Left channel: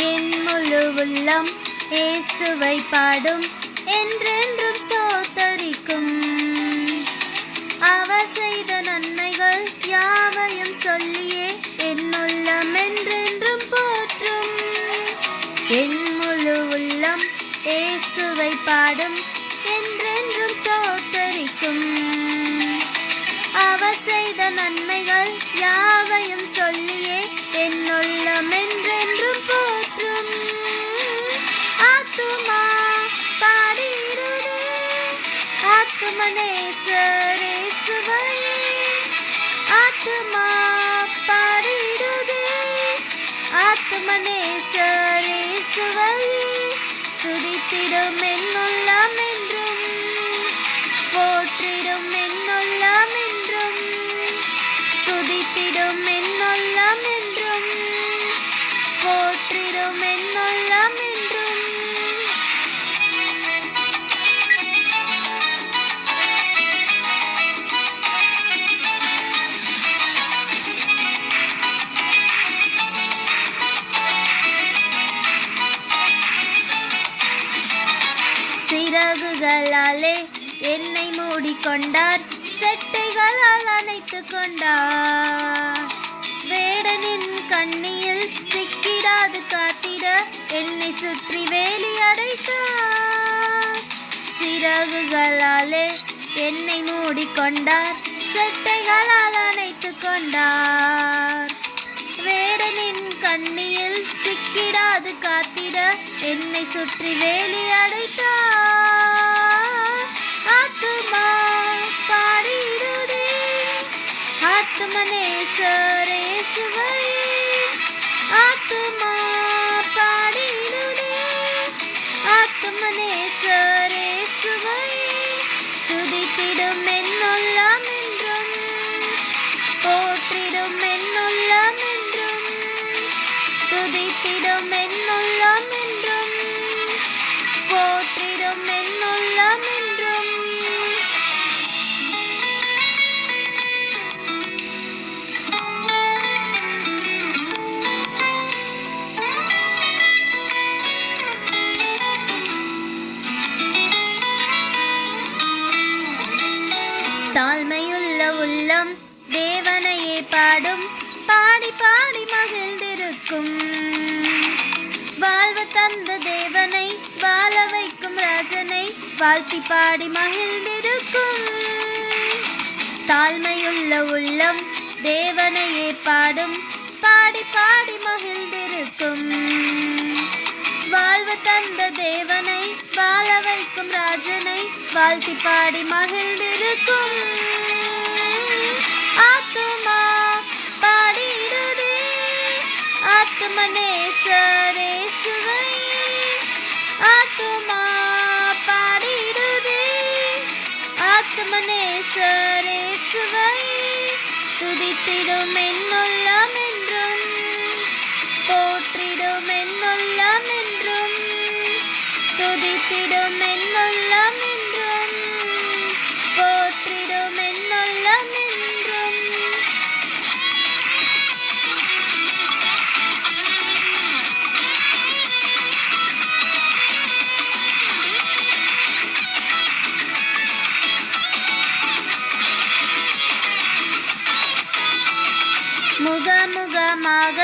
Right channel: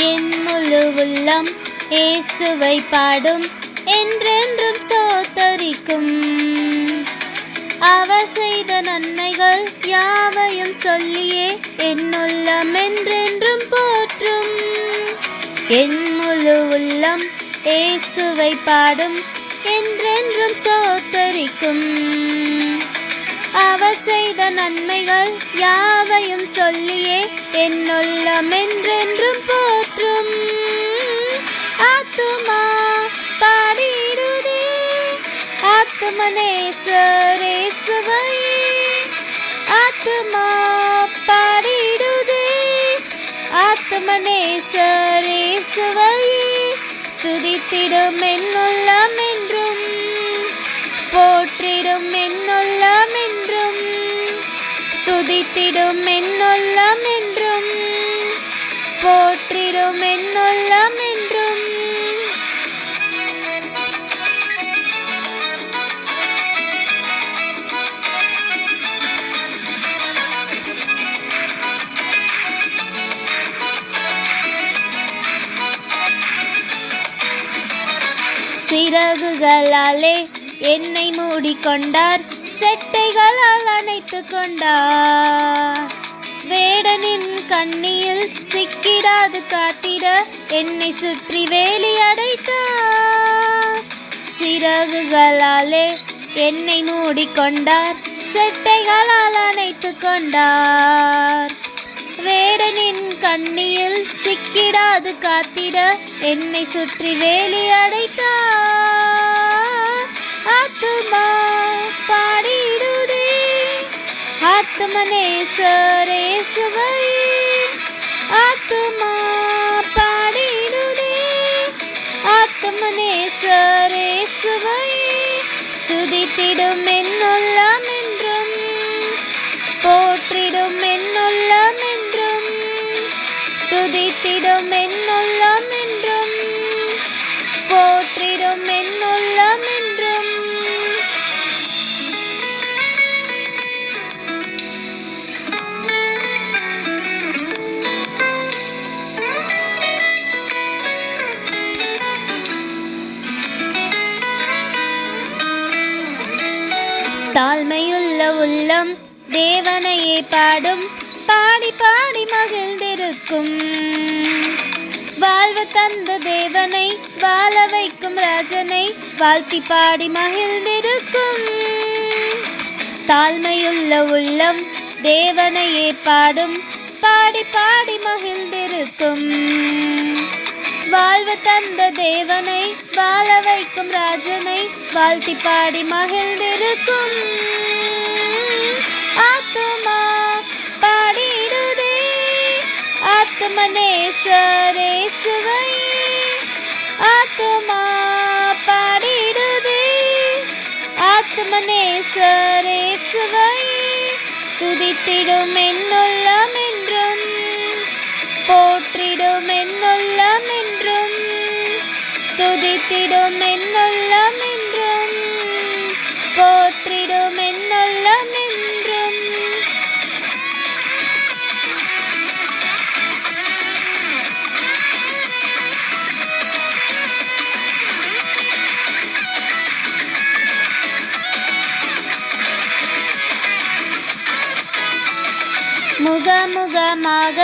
என் முழு உள்ளம் இயேசுவை பாடும், என்றென்றும் ஸ்தோத்தரிக்கும். அவர் செய்த நன்மைகள் யாவையும் சொல்லியே என் உள்ளம் என்றென்றும் போற்றும். என் முழு உள்ளம் இயேசுவை பாடும், என்றென்றும் ஸ்தோத்தரிக்கும். அவர் செய்த நன்மைகள் யாவையும் சொல்லியே என் உள்ளம் என்றென்றும் போற்றும். ஆத்துமா பாடிடுதே ஆத்துமனேசரேசுவையே, ஆத்துமா பாடிடுதே ஆத்துமனேசரேசுவையே. துதித்திடும் என் உள்ளம் என்றும், போற்றிடும் என் உள்ளம் என்றும், துதித்திடும் என் உள்ளம் என்றும், போற்றிடும் என் உள்ளம் என்றும். சிறகுகளாலே என்னை மூடிக்கொண்டார், செட்டைகளால் அணைத்து கொண்டார். வேடனின் கண்ணியில் சிக்கிடாது காத்திட என்னை சுற்றி வேலி அடைத்தார். சிறகுகளாலே என்னை மூடிக்கொண்டார், செட்டைகளால் அணைத்து கொண்டார். வேடனின் கண்ணியில் சிக்கிடாது காத்திட என்னை சுற்றி வேலி அடைத்தார். ஆத்துமா பாடிடுதே ஆத்துமனேசரேசுவையே, ஆத்துமா பாடிடுதே ஆத்துமனேசரேசுவையே. துதித்திடும் என் உள்ளம் என்றும், போற்றிடும் என் உள்ளம் என்றும், துதித்திடும் என் உள்ளம் என்றும், போற்றிடும் என் உள்ளம் என்றும். தாழ்மையுள்ள உள்ளம் தேவனையே பாடும், பாடி பாடி மகிழ்ந்திருக்கும். வாழ்வு தந்த தேவனை, வாழ வைக்கும் ராஜனை வாழ்த்தி பாடி மகிழ்ந்திருக்கும். தாழ்மையுள்ள உள்ளம் தேவனையே பாடும், பாடி பாடி மகிழ்ந்திருக்கும். வாழ்வு தந்த தேவனை, வாழ வைக்கும் ராஜனை வாழ்த்தி பாடி மகிழ்ந்திருக்கும். ஆத்துமா பாடிடுதே ஆத்துமனேசரேசுவையே, ஆத்துமா பாடிடுதே ஆத்துமனேசரேசுவையே. துதித்திடும் என் உள்ளம் என்றும், போற்றிடும் என் உள்ளம் என்றும், துதித்திடும் என் உள்ளம் என்றும், போற்றிடும் என் உள்ளம் என்றும். முகமுகமாக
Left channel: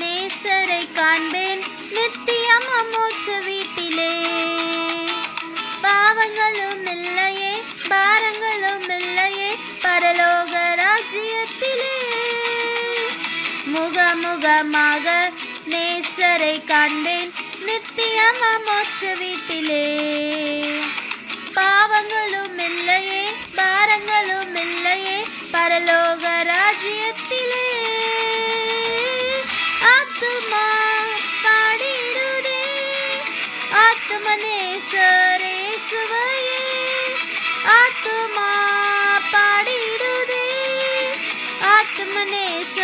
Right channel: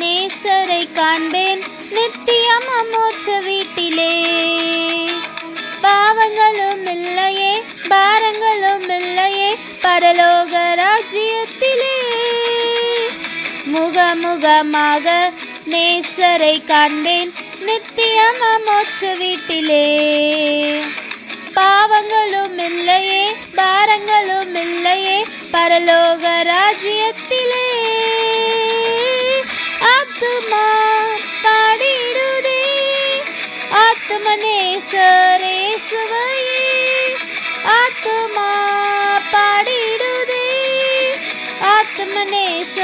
நேசரை காண்பேன், நித்தியம் மோட்ச வீட்டிலே. பாவங்களும் இல்லையே, பாரங்களும் இல்லையே, பரலோக ராஜ்யத்திலே. முகமுகமாக நேசரை காண்பேன், நித்தியம் மோட்ச வீட்டிலே. பாவங்களும் இல்லையே, பாரங்களும் இல்லையே, பரலோக ராஜ்யத்திலே. ஆத்துமா பாடிடுதே ஆத்துமனேசரேசுவையே, ஆத்துமா பாடிடுதே ஆத்துமனேச